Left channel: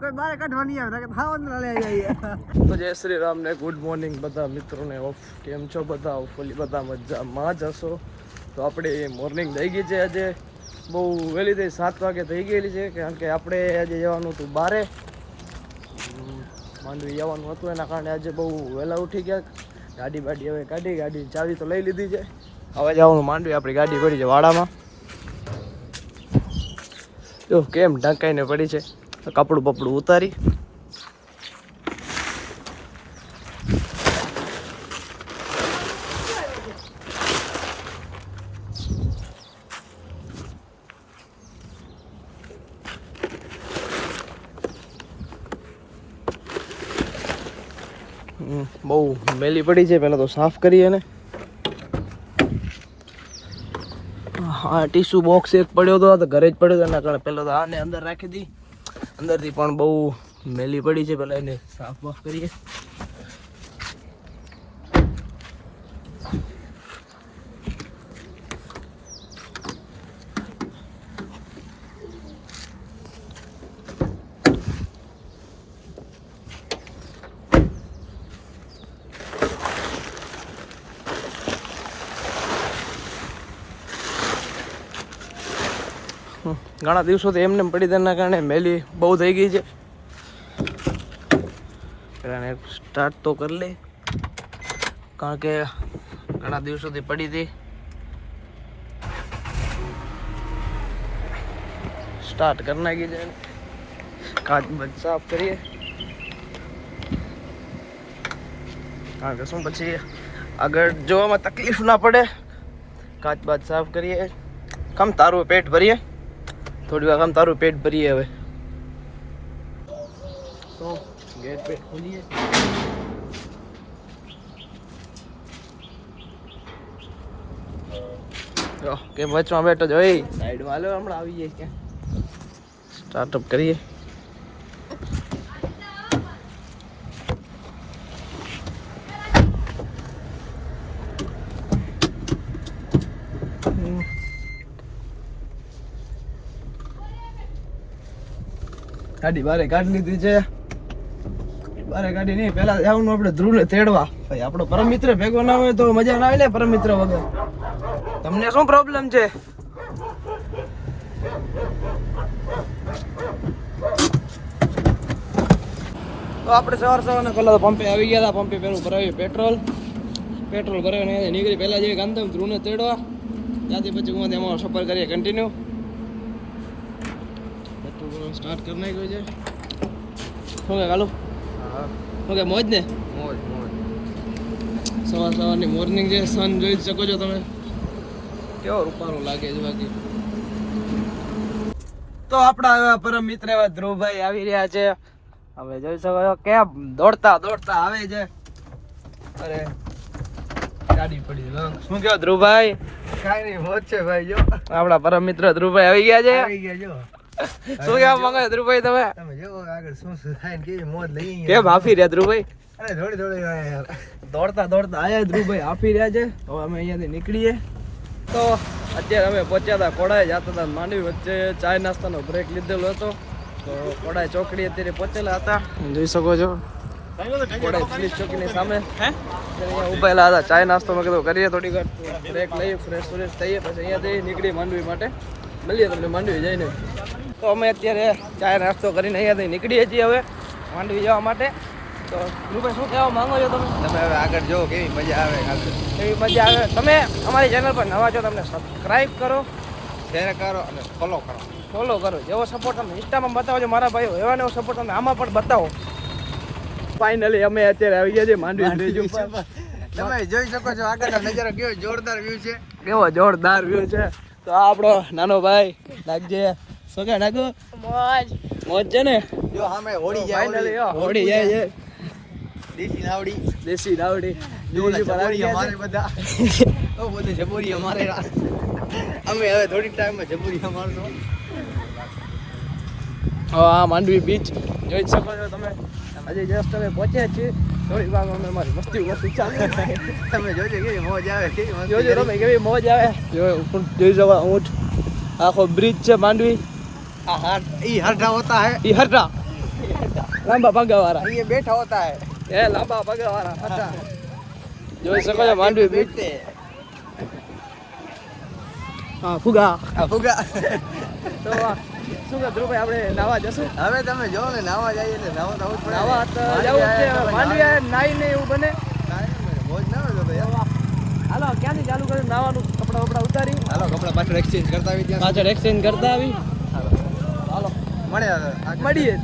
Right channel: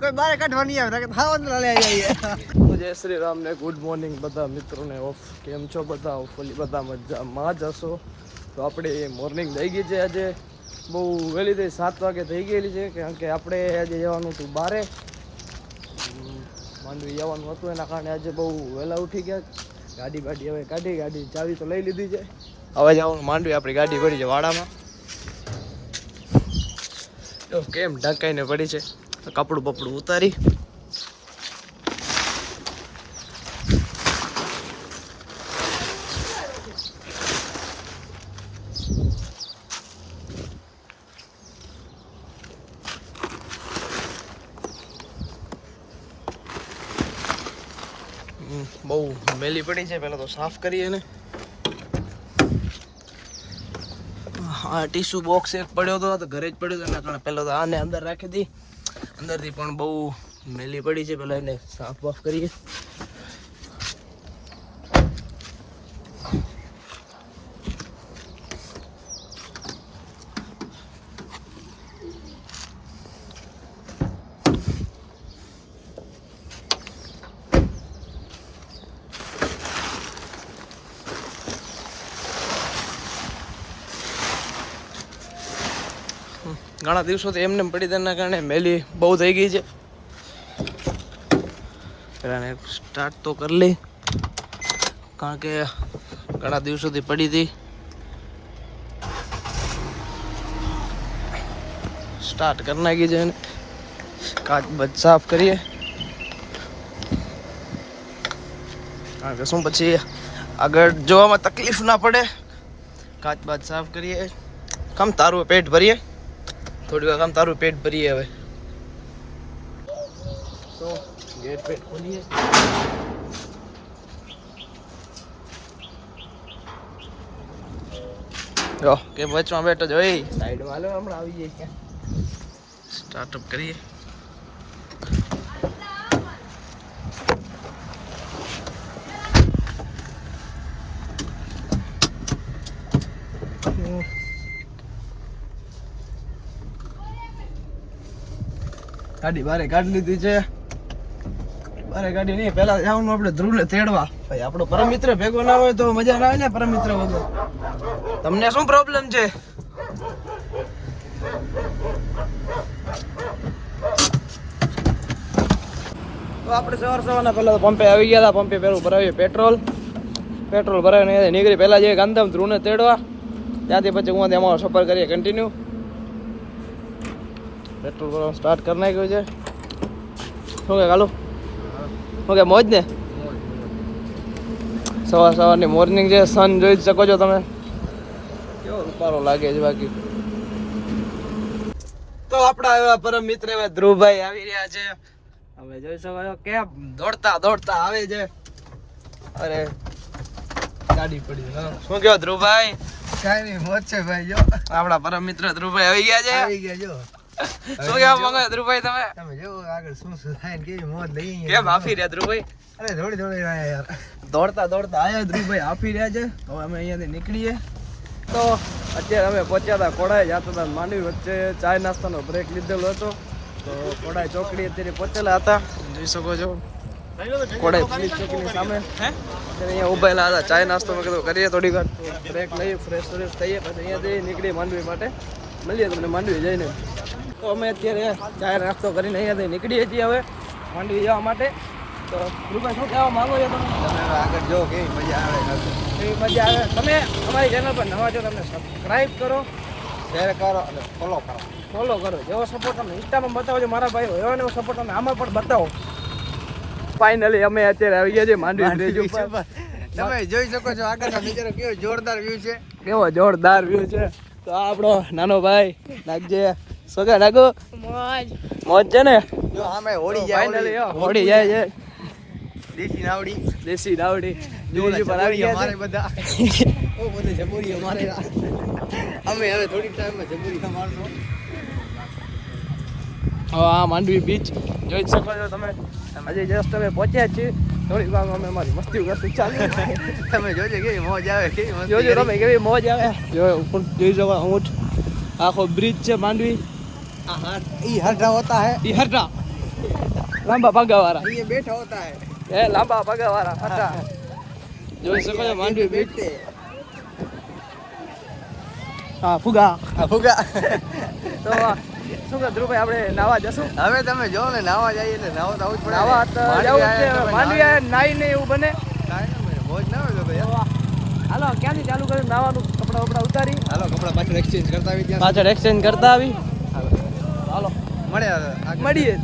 કોઈ બારે કાઢવા નહીં આવે કે ખાવાનું લઈ આવીએ. તો જય શ્રી રામ ને ગુડ મોર્નિંગ બધા મિત્રોને. ઓફ કેમ છો બધા? હોપફુલી બધા મજામાં જ હશો. તો આપણે મોર્નિંગ થઈ ગઈ છે. આજે બહુ વહેલી થઈ 7 વાગે થઈ ગયેલી છે, કારણ કે આપણે આજે જવાનું હતું બારે, માંડવી જવાનું હતું. એના કારણે આજે બહુ વહેલા ઉઠી ગયા. ગાડી બાડી હવે કાઢી, ગાડીની ચાવી તો લઈ લીધી છે. હવે જવાનું માંડવી. આપણી ગાડી પડી છે વાડામાં. જો કેમ ઢંકાઈને પડી છે. કપડું બપડું ઉતારી બહુ મેલી પડી છે. પહેલાં તો સાફ કરીએ ને. હા, ટીશ્યુ બોક્સ એક પડ્યો હતો, ઘરે જ પડ્યો હતો. એના કારણે પહેલાં તો આને અંદર રાખી દી. અંદરથી પણ બહુ મેલી પડી છે. પહેલાં એને સાફ બાફ કરીએ. ઘણા દિવસોથી એમને પડી તેના કારણે મેલી બહુ થઈ ગઈ છે. પહેલાં સ્ટાર્ટ તો કરી લઈ, કારણ કે ઘણા દિવસોથી પડી હતી. સ્ટાર્ટ કરી નાખી છે. કાચ બચ સાફ કરીએ, કારણ કે શું પછી આગળ જોવામાં તકલીફ ના પડે. કાચ બાચ સાફ કરીએ. કમ તારું પેટ ભરીએ, થોડી વાર કામ તારું પેટ ભરીએ. હવે તો ગેટ પેટ ખોલીએ. જો કે વચમાં બેઠો જ હોય, સાઈડમાં હાલો, હમણાં આવી જાય. ક્યાં સ્ટાર્ટઅપ કરીએ. ગાડી બારે કાઢી લીધી છે. બારે ગાડી નહીં, પેલા જવાનું આપણે ધ્રુવને તેડવા. ભાઈ આપણો પરમ મિત્ર ભેગો ના હોય તો મજા ના આવે ને. પરમ મિત્ર વગર તમને શું પ્રોબ્લેમ છે? તો આપણે સવારના પહેલા તો પંપે આવી ગયા હતા. પંપે પેલું ભરાવીએ પેટ્રોલ ભરાવીને નીકળી. પહેલા જઈએ ગાંધીધામ ધ્રુવને તેડવા. ત્યાંથી પછી હું અમારો સફર કરીએ કન્ટિન્યુ. પેટ્રોલ ભરવાનું સ્ટાર્ટ કરી નાખ્યું છે. શું કે કાલુ? ઓકે, મોજ ને? સવારની મોર્નિંગ છે. સન જોઈ જ શકો છો તમે, કેવો રૂપારો લાગે છે. બાકી તો આપણા એવા પરમ મિત્ર એવા ધ્રુવભાઈ આવી રહ્યા છે. હવે જોઈ શકો છો કેમ દોડતા આવે છે. અરે ગાડી પડી. શું કહો ધ્રુવભાઈ? કાંઈ નહીં, મોજ છે ભાઈ. જો આપણા પરમ મિત્ર ધ્રુવભાઈ આવી ગયા છે. જો શું કહેવા માંગો ધ્રુવભાઈ તમે? તમે જો આગળ શું થાય ને કેવી મોજ લઈ. કેમ હાફી રહ્યા ધ્રુવભાઈ? અરે થોડી યાર, દોડતા આયા ધ્રુવભાઈ હાફી રહ્યા છે. હવે અમે અહીંયાથી નીકળીએ. તો અત્યારે અમે પહોંચ્યા હતા કોડાઈ, જતા હતા માંડવી. વચ્ચે ચાય નાસ્તાનો બ્રેક લીધેલો હતો. તો કોડાઈ ચોકડી અત્યારે પહોંચેલા હતા. જોઈ શકો છો કોડાઈ પોલીસ ચોકીની સામે અત્યારે અહીંયા ઉભેલા હતા. ચાય નાસ્તો મેં કીધું કરીએ, થોડી વાર બ્રેક લઈએ, ફ્રેશ થઈએ, પછી અહીંયાથી નીકળી માંડવી માટે. મળીએ તમને માંડવી જઈને. તો અમે અત્યારે ચાય નાસ્તો કરીને અહીંયાથી નીકળીએ છીએ હવે માંડવી જવા માટે. તો ધ્રુવભાઈ શું કહેવા માંગો છો તમે? તમે હવે આગળ જો કેવી મજા આવે. એવી મજા આવે. તમે અમારી ચેનલ પર નવા છો, તમને સબસ્ક્રાઈબ કરો, શેર કરો અને ફોલો કરો. જેવો સપોર્ટ તમે ઇન્સ્ટામાં બતાવો છો મારા ભાઈઓ, એવો ને એવો સપોર્ટ તમે આમાં પણ બતાવો. ફાઇનલી અમે અત્યારે આવી ગયા છીએ માંડવી બ્રિજ ઉપર. તમે જોઈ શકો છો આગળનો નજારો કેવો જોરદાર વ્યૂ છે. કેવો જોરદાર વ્યૂ છે. તો આ આપણો નાનો ભાઈ નાગજે. સોગા નાગો. મોજ છે ને? જો આમે હોડી જાય છે. દેશી નાવડી બીજી પર આવી ગયા અમારે છે. બધા ઓ બધું જબુરી અમારે. અમે હવે થોડીક ટાઈમમાં જબુરી મારશું. આ માંડવી બીચ જોઈ જ શકો છો તમે. હજી જસ્ટ અમે પહોંચ્યા છીએ. થોડીક વાર અમે અમારી મસ્તી કરતી ચાલુ. તમે જોજો કેવી મોજ આવે, કેવી મસ્તી. જોજો તમે કેવી મોજ આવે. જોઈ શકો ઊંટ આખો બ્રિજ છે માંડવી. ये हटा होता है, ये हटा લાંબા પગાવાળા ये बैठा होता है એ લાંબા પગાવાળા હતા જોઈ શકો છો માંડવી બીચ હા ફુગા फुगा તો શું કે ધ્રુવભાઈ આપણે નાવા જશું હવે તમે જો ને નાવા જઈએ એટલે નાવા તો આવું જ પડે નાવા તો જવું જ છે માંડવી નાઈ ને એવું બને મોજ ના હોય તો યાર હાલો ક્યાંથી ચાલુ કર્યું નાવાનું કપડા વપડા ઉતારી હાલો કપડા પાછળ એક્સચેન્જ કરતા આવી ત્યાં પાછળ એક્સચેન્જ કરતા આવી હાલો હાલો મળે મળીએ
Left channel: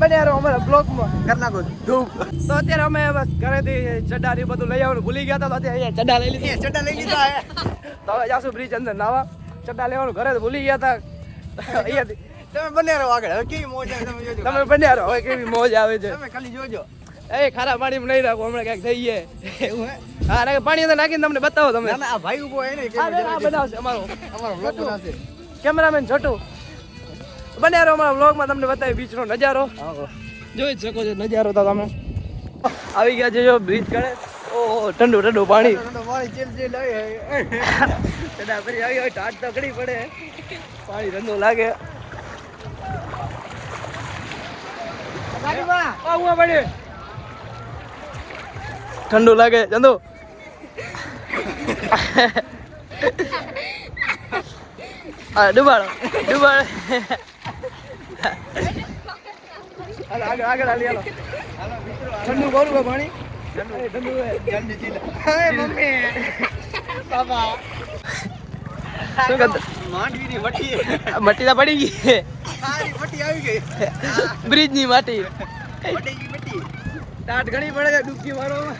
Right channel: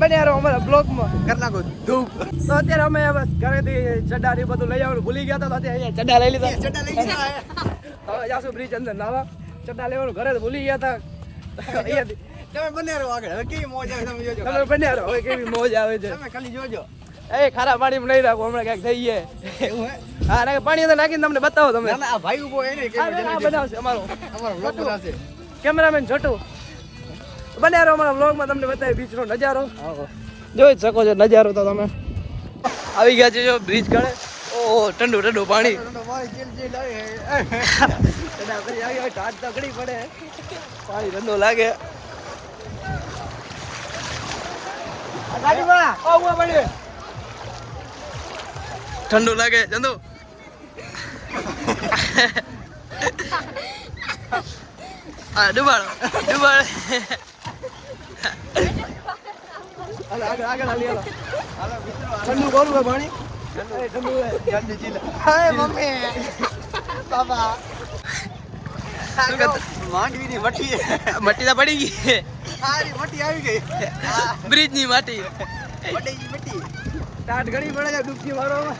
બને યાર અમારા બ્લોગમાં કર નાખો ધૂપ તો અત્યારે અમે બસ ઘરેથી ચડ્ડા ને બધું લઈ આવવાનું ભૂલી ગયા હતા તો અત્યારે અહીંયા ચડ્ડા લઈ લીધા ચડા લઈ ગયા તો હવે જાશું બ્રિજ અંદર નાવા ચડ્ડા લેવાનું ઘરે ભૂલી ગયા હતા અહીંયાથી તમે બને રહો આગળ હવે કેવી મોજ આવે તમે જોજો તમે બન્યા રહો હવે કેવી મોજ આવે છે તમે ખાલી જોજો એ ખારા પાણીમાં નહીં રાખો હમણાં ક્યાંક જઈએ એવું હે હા ને પાણી અંદર નાખીને તમને બતાવો તમે ના ના આ ભાઈ ઉભો હે ને આ બનાવશે અમારો અમારો વ્લોગ બનાવશે કેમેરામેન છોટું બન્યા રહો અમારા વ્લોગમાં તમને બતાવી બીચનો નજારો જોઈ જ શકો છો નજારો તો તમે આવી ગયા છે જો બ્રિજ કડે ઓહો ઠંડુ ઠંડુ પાણી ચડા કરી આવી હોય ટાટ તો ઘડી પડે પાણી ઠંડુ લાગે ઠંડુ લાગે ચંદુ હા ડુબાડો ડુબાડે આગળ આગળ હાલી હાલો ઠંડુ કોરું હે પાણી ઠંડુ હે ગાંડી ચીલા હાય મમ્મી બાબા શું કરતા માંડવીની મઠી મટી તો પડી ગઈ સારી મઠી આવી ગઈ બ્રિજ ની માટી મટી મટી ટાટ ઘણી પડે છે ડૂબકી મારવામાં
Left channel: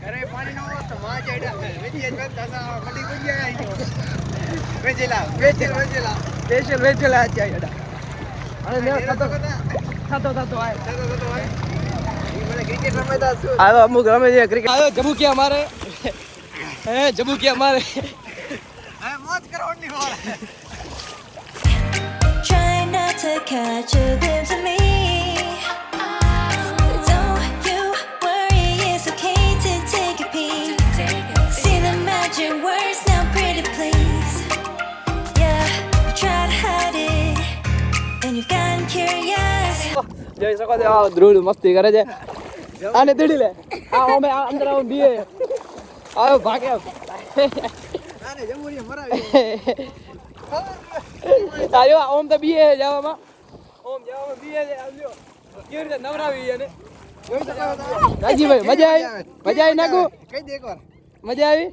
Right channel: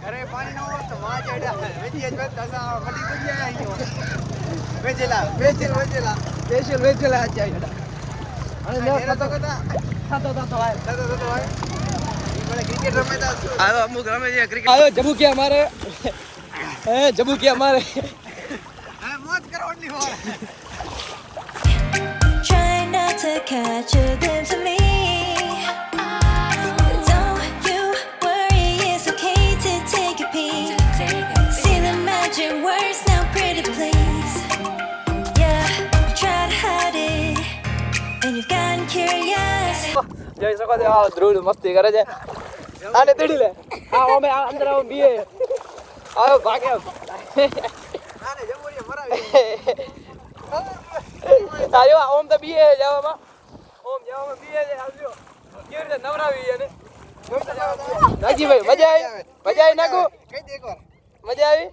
ઘરે પાણી ન હોય તો માં ચડ્યા વેચી જ દસા મટી પડી ગયા અહીં વેચેલા વેચેલા સ્પેશિયલ વેચેલા છે અરે ને થતો કતા થતો આય તો હોય ઈ મને ક્રિકેટ રમતા આવ્યો અમુક રમે છે ક્રિકેટ આવ્યો જબુકિયા મારે હે જબુકિયા મારે હા મોજ કરો ઓટલી હોળ Try not to catch a glimpse of me. Don't you worry, it's okay to take a peek. See the magic words now, pretty please. Yeah, you try to hide it, and you've gotten curious. જઈ શકો છો ધ્રુવ મસ્તી કરે છે આને તેડી લે અમે અંદર આવો બીએ આવો ભાગે આને જમુરી મરાવી આયો ઓમ તો બીએ જવામાં ઓમ જવામાં બીએ આવજો કેવી રીતે નવરાવી એને રાજીભાઈ મજા આવી નાખું કઈ દે એકવાર મજા આવી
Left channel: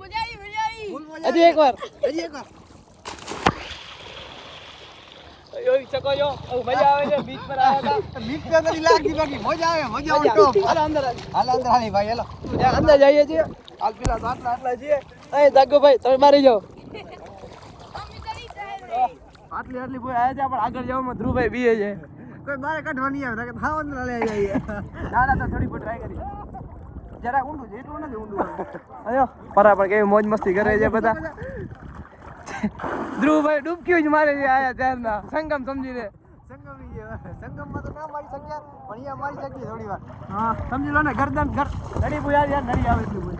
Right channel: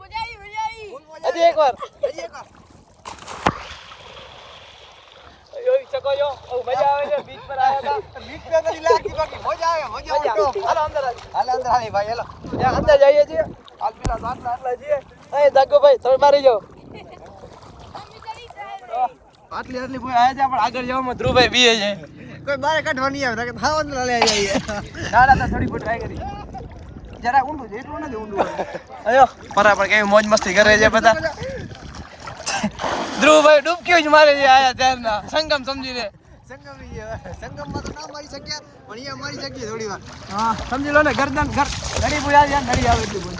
હજી એકવાર જોઈ શકો છો મજા આવે છે બીચ પર આવ્યા હતા બીક તો નથી લાગતી બાકી મજા આવે ટોપ હાલો અંદર હાલ અંદર હાલી ભાઈ હાલો અંદર જઈએ છીએ હાલ પેલા આટલા છીએ અહીં દાગો ભાઈ તમે મારી જાઓ આટલી કોઈ આયા છે પણ આગળ જવામાં ધ્રુવભાઈ બીએ છે કોઈ બારે કાઢવા નહીં આવે નકર થાવ અંદર લઈ જઈએ ના થોડી ફૂટ ટ્રાય કરી જરા ઊંડું છે એટલું નથી ઊંડું અયો પરા પણ કેવી મોજ મસ્તી કરે છે બધા ધ્રુવભાઈ ડૂબકી જ મારે છે આયા ત્યારના સંગમ સમજીને સંગમમાં તો ના મારી શક્યા પણ અહીંયા મારી શકીએ થોડી વાર હા સમજી લો ને ગરદન ઘડી પૂરી આવી ઘડી આવે એટલી બોલ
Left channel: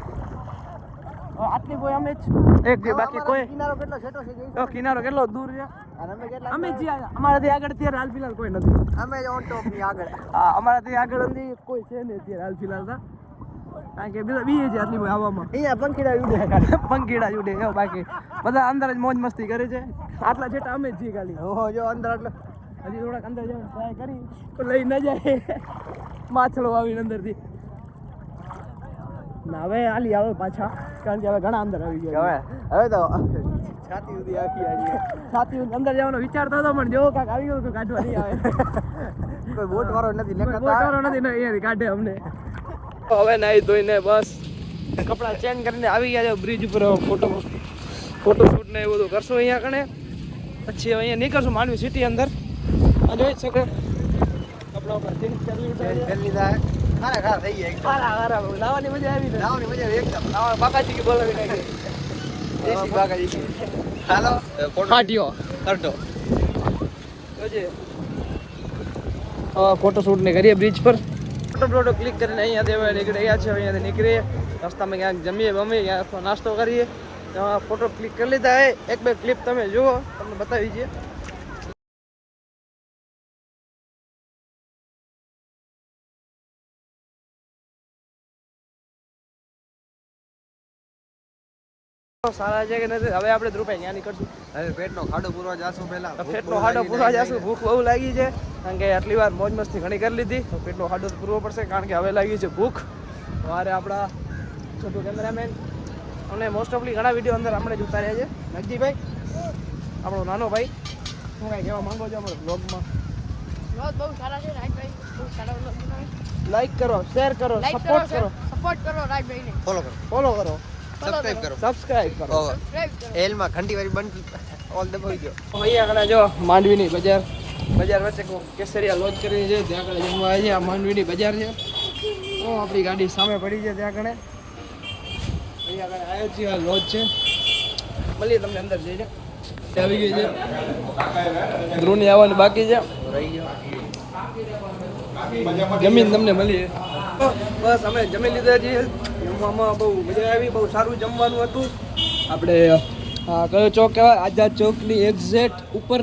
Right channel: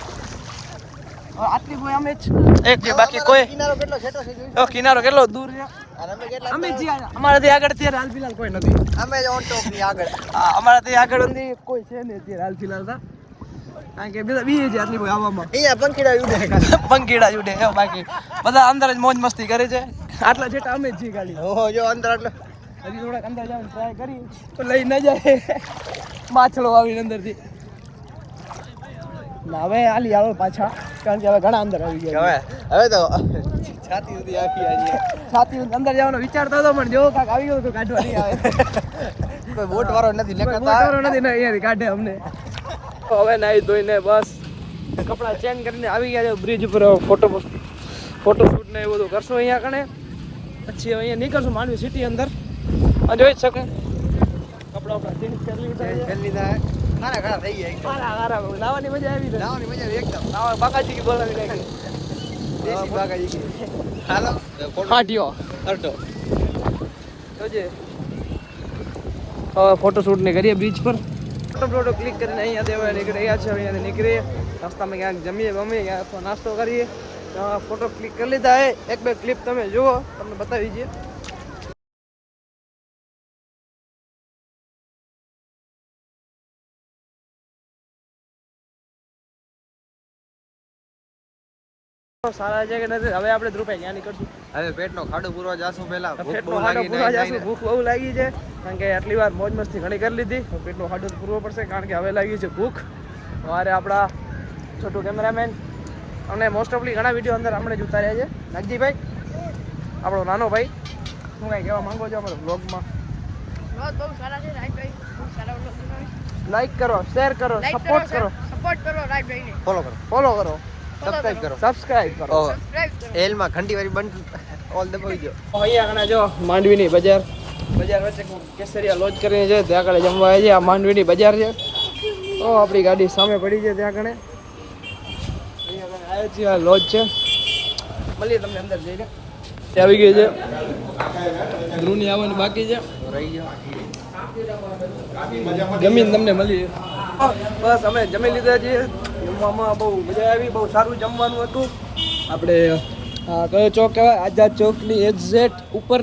આટલી કોઈ અમે જ એક છે બાકી કોઈ કિનારો કેટલો છેટો છે જોઈ કિનારો કેટલો દૂર છે અમે કેટલા અમે જી અમારાથી આગળ અત્યારે હાલ ફિલહાલ કોઈ નથી અમે જ ઓન ટોપ ની આગળ હા અમારાથી આગળ નથી કોઈ છે નહીં અત્યારે હાલ ફિલહાલ તો કારણ કે બધા બીએ છે આટલી કોઈ આવવામાં અહીંયા પંખીડા ઉડે પંખીડા જ ઉડે એવું બાકી બધા અંદર જ મોજ મસ્તી કરે છે આટલા જેટા અમે જ છીએ ગાડી ઓહો જો અંદર એટલે હજી થોડાક અંદર જવાનું ટ્રાય કરી તો લઈ ન જાય માછલો આવીને અંદરથી ના હવે હાલી આવો પાછા કારણ કે હવે ઘણા અંદર આવી ગયા હવે તો છાતી સુધી આવી આજી છાતી અંદર જવાનો વિચારતો હતો પણ જેવો કાંક આવી ગયો તો કાઢવા નહીં આવે કોઈ બોટ વાળો નથી કોઈ બોટારો નથી ને અહીંયાથી કાઢે અમને હવે નાહી ધોઈને બસ કપડાં ચેન્જ કરીને આવી ગયા છે બ્રિજ ઉપર ફોટોશૂટ ને એવું બધું કરશું અહીંયા કણે પછી હવે અહીંયા નીકળશું માંડવી સિટી અંદર જોઈ જ શકો કપડાં ચેન્જ કરી લીધા ખારા થઈ ગયા હારા નાવાની મજા આવી નાવાની મજા આવે એકદમ નાવા બાકાજી કે બોલાવી નાખી દેશી બાગાજી હાલો ફાટ્યો તરતો જોજે ફોટોશૂટ ને કરીએ બ્રિજ પર ફોટો ક્લિક કરીને અહીંયાથી હવે નીકળ્યા છે અહીંયાથી નીકળીએ રસ્તામાં ક્યાંક જમીએ બમીએ ક્યાંક નાસ્તો કરીએ ફોટો ક્લિક કરી લીધા હે એક બે ક્લિપ તમે જુઓ તમને બતાવી દઈએ સારા છે કે નથી? હવે આપણે ધ્રુવભાઈ ક્યાં નીકળશું? હવે પેટનો ખાડો પૂરવા જાશું પહેલા. પેટનો ખાડો પૂરવા જશું. ભૂખ બહુ લાગી છે કારણ કે આટલી વાર મોજ મસ્તી ઘણી કરી લીધી, તો પેટનો ખાડો પૂરવો પડશે કારણ કે હવે લાગી છે ભૂખ. વારે આપણા છોટું કેમેરામેન અને મોસ્ટ ઓફલી ઘણા વિડીયો અંદર આપણે જ ઉતાર્યા છે. નગજીભાઈ આપણો નાનો ભાઈ, શું કાંઈ કહેવા માંગો છો અમારા બ્લોગમાં? બહુ સારા છે રાઈટભાઈ, બહુ સારા વ્લોગ બનાવે. લાઈક કરો, શેર કરો, સપોર્ટ કરો, સપોર્ટ કરો રાઈટભાઈને. ફોલો કરો, સબસ્ક્રાઇબ કરો. સબસ્ક્રાઇબ કરો. સબસ્ક્રાઇબ કરો. એલમાં ઘંટી વાળી બંધ ઓલ દબાઈ ગયો. અહીંયા આગળ જો માંડવીની બજાર વચ્ચે કેસરિયા લોજ કરીને છે, ત્યાં આગળ જમવા આવે છે. આ માંડવીની બજાર છે. તો આપણી ગાડી સામે પડી છે ત્યાં આગળ. અહીંયા આગળ આવ્યો છે, આ લોજ છે. મળીએ તમને અંદર જઈને. આવી ગયું છે, ધ્રુવની આવવાની બાકી છે. જમીન તમને મળી. બસ અમે જમી લીધા છીએ. જમવામાં બહુ મજા આવી, બહુ સારું જમવાનું હતું. આપણે કયો ચોક કહેવાય? આઝાદ ચોકની એક્ઝેક્ટ ઉપર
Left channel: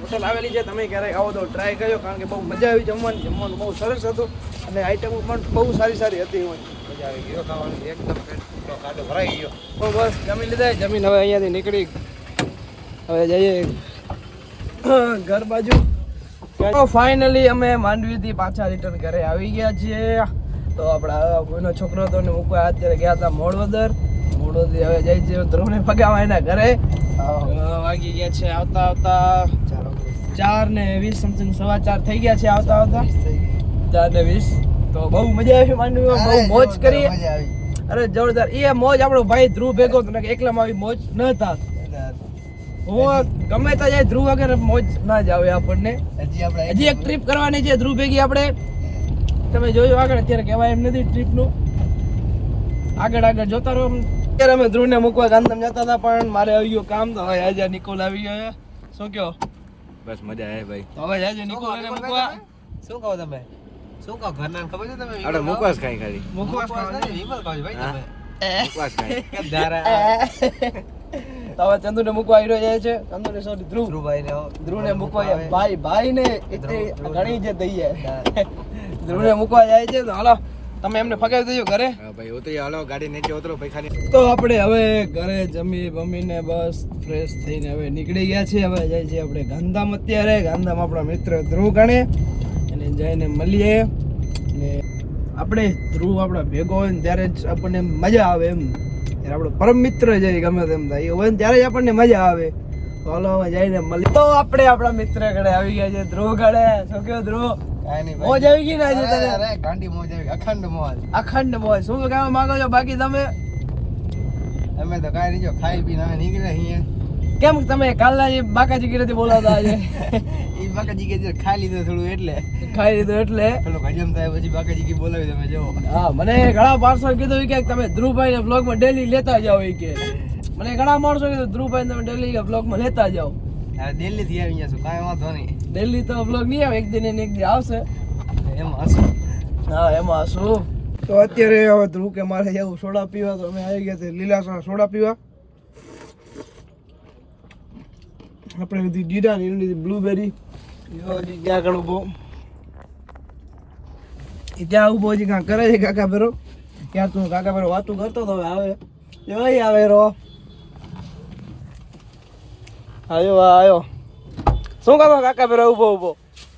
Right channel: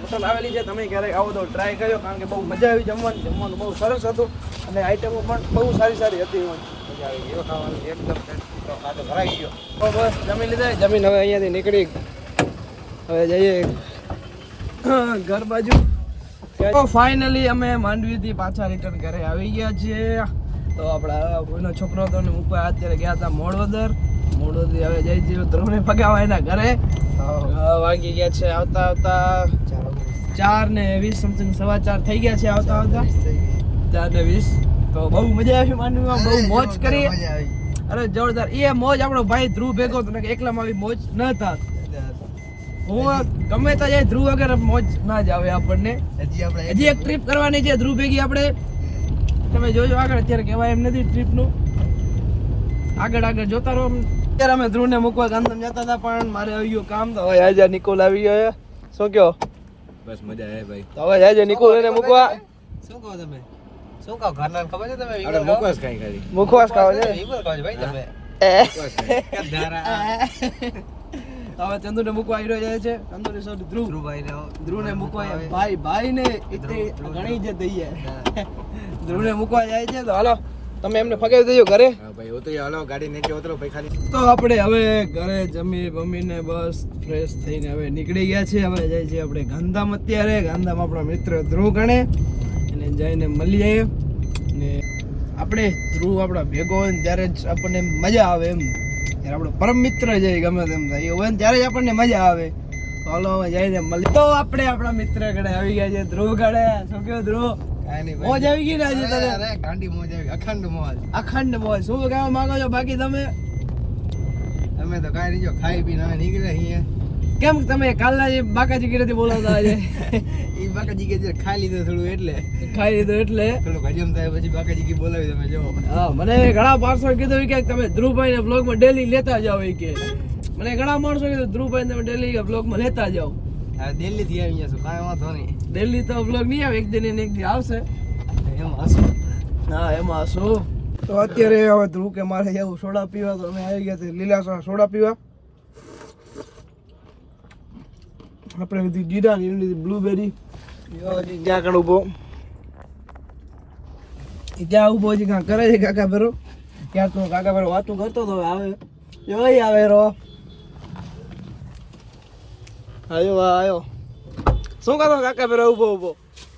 હોટલ આવેલી છે. તમે ક્યારેક આવો તો ટ્રાય કરજો કારણ કે બહુ મજા આવી જમવાની. જમવાનું બહુ સરસ હતું અને આઈટમો પણ બહુ સારી સારી હતી. મજા આવી ગયો ખાવાની, એકદમ પેટનો ખાડો ભરાઈ ગયો. તો બસ જમી લીધા. જમીન હવે અહીંયાથી નીકળી હવે જઈએ ઘર બાજુ. તો ફાઇનલી અમે માંડવીથી પાછા રિટર્ન ઘરે આવી ગયા છીએ. તો આપણા કોઈનો છોકરો હતો ને મૂકવા અત્યારે ગયા હતા મોડવદર. મોડવદરથી હવે જાય છે ધ્રુવને પગાવા એના ઘરે. વાગી ગયા છે આવતા આવતા 4:20 સમથિંગ, 4:15 થઈ ગયા છે આવતા આવતા 4:20. તો બહુ મજા આવી માંડવીમાં, બહુ મોજ કરી. મજા આવી. અરે જોરદાર. એ મોજ આપણો ભાઈ ધ્રુવ ભેગો હતો ને એકલામાં આવી મોજ ન થાત. હું ગમે ત્યાં જાય ધ્રુવ વગર મોજ ના જ આવે આપણને. હજી એક ટ્રીપ કરવાની છે ધ્રુવ ભેગી આપણે. તમે જોજો આગળ, અત્યારે કહેવાય એમ નથી ટ્રીપનું. આગળ જોતા રહો. અત્યારે અમે ધ્રુવને મૂકવા ગાંધીધામ જતા હતા પણ મારે આવી ગયું કામ, તો હવે આજે નિકોલ આવી ગયો. શું કહો? બસ મજા આવે ભાઈ. તો હવે આજે નિકોલ એને મૂકવા. શું કહો તમે? શું કહો? ઘરના ખબર છે તમે? અરે મુકવાસ ખાઈ ખાલી. મૂકવા જ ખાવે છે. વિમલ કહો છો ભાઈ તમે. મુકવાસ ખાઈ. તો હવે ચંદુને મૂકવા આવી જાય છે. ચંદુને સોરી ધ્રુવને મૂકવા ભાઈ ને એટલી ઘણી જે દઈએ. ધ્રુવને મૂકવા જાય છે. તો હાલો તમે એમને ફગાવી દેજો ઘરે. હા ભાઈ ઉતરી હાલો, ગાડી નીચે ઉતરો પૈખાની. તો આપણે હવે ઘરે જમી બમીને બસ ફ્રેશ થઈને હવે નીકળી ગયા છે. હવે જાય છે આપણે ગાંધીધામ. અત્યારે ગાંધીધામ આપણા મિત્ર ધ્રુવ ગણે એને જઈને મળીએ. ને આપણે ધ્રુવ આપણા ભેગો હોય ને ત્યારે જ આપણને મજા આવે એમ. ત્યારે આપણો પરમ મિત્ર છે ગમે તેમ થાય હોય ને ત્યારે જ આપણને મજા આવે. હાલો હવે જઈને મળીએ. તો આપણે આપણા મિત્ર ઘરે આવી ગયા છે. ધ્રુવ ઘરે શું કહ્યું ધ્રુવ? કાંઈ નહીં મોજ આવી ગઈ ને આજે તને? અરે ગાંડી મોજ આવી, અખંડ મોજ. અખંડ મોજ. શું કહેવા માંગો છો બાકી તમે? અમે તો કાંઈ નહીં, જો ખાઈ પીને અમે નીકળે અહીંયા. કેમ તમે કાલના જે બાકાજી કીરેથી બોલાવતા આજે? ઈ બાકાજી કે જે ખાઈ લીધું થોડું એટલે ખાઈ લીધું એટલે પેલો હજમ થાય પછી બાકાજી કે બોલાવી તમે જો. હા, મને ઘણા માણસો કીધું કે તમે ધ્રુવભાઈ ને બ્લોગમાં ડેલી લેતા જાઓ. એ કે મને ઘણા માણસો કીધું ધ્રુવભાઈ તમે ડેલી બ્લોગમાં લેતા જાઓ. આ દિલ્હી થી આવી અહીંયા છું, કાંઈ વાંધો નહીં. ડેલી તો બ્લોગ નહીં આવે, એક દિન ને એક દી આવશે. એમાં હશે. હા એમાં શું. તો અત્યારે હવે ધ્રુવ કે મારે જવું સોડા પીવા, તો અમે આવી ગયા લીલા સોડા પીવા. આપણે લીધી જીરા ની લીધી બ્લુબેરી. જ્યાં કણ ઉભો ત્યાં ઉભો હજી કાંક કરે છે કાકા ભેરો. ક્યાં તું કાકા ભેરો વાતું કરતો તો હવે આવે જોઈ આવે રો. આવ્યો આવ્યો. શું કરતો કાકા ભેરો ઉભો ઉભો?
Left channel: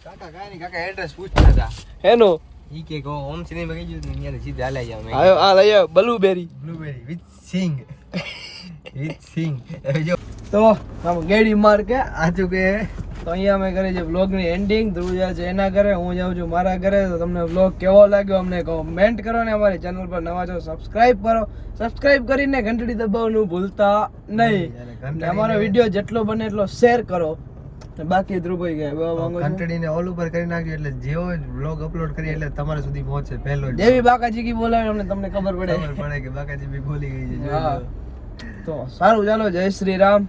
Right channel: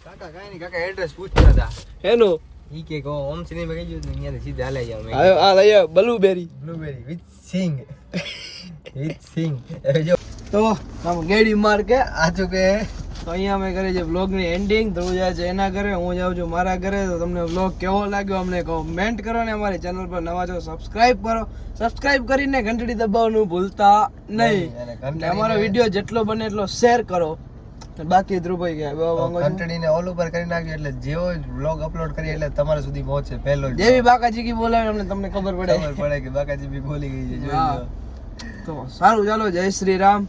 કાકા કાંઈ નહીં, કાકા એડ્રેસ પૂછતા હતા. એનું ઈ કે ઓમ સિનેમા કહી દીધું ને અહીંયા સીધા હાલ્યા જાવ. આવ્યો આ લઈએ બ્લુબેરી. બ્લુબેરી વિથ સિંગ. વિથ સિંગ. હવે જો તો આમ ગેડી માર કે આચું કે તો અહીંયા અમે કરીએ છીએ વ્લોગની એન્ડિંગ. ધ્રુવ જાય છે એના ઘરે, હું જાઉં છું મારા ઘરે. તો તમને વ્લોગ કેવો લાગ્યો અમને કોમેન્ટ કરો ને અમારી ચેનલ પર નવા છો સબસ્ક્રાઇબ કરો. સબસ્ક્રાઇબ કરીને ઘંટડી દબાવવાનું ભૂલતા નહીં. અને અમારો વિડીયો જેટલો બને એટલો શેર કરો. બાકી ધ્રુવભાઈ ગયા ઘંટડીને ઓલ ઉપર કરી નાખ્યો એટલે જેવો વ્લોગ અપલોડ કરીએ એટલે તમારા સુધી પહોંચે પહેલો જ. જેવી બાકાજી કી બોલાવે અમને તમને ખબર પડે ખબર પડે કે બાકાજી બી બોલી ગઈ છે. હા તો સારું ચાલો જય શ્રી રામ.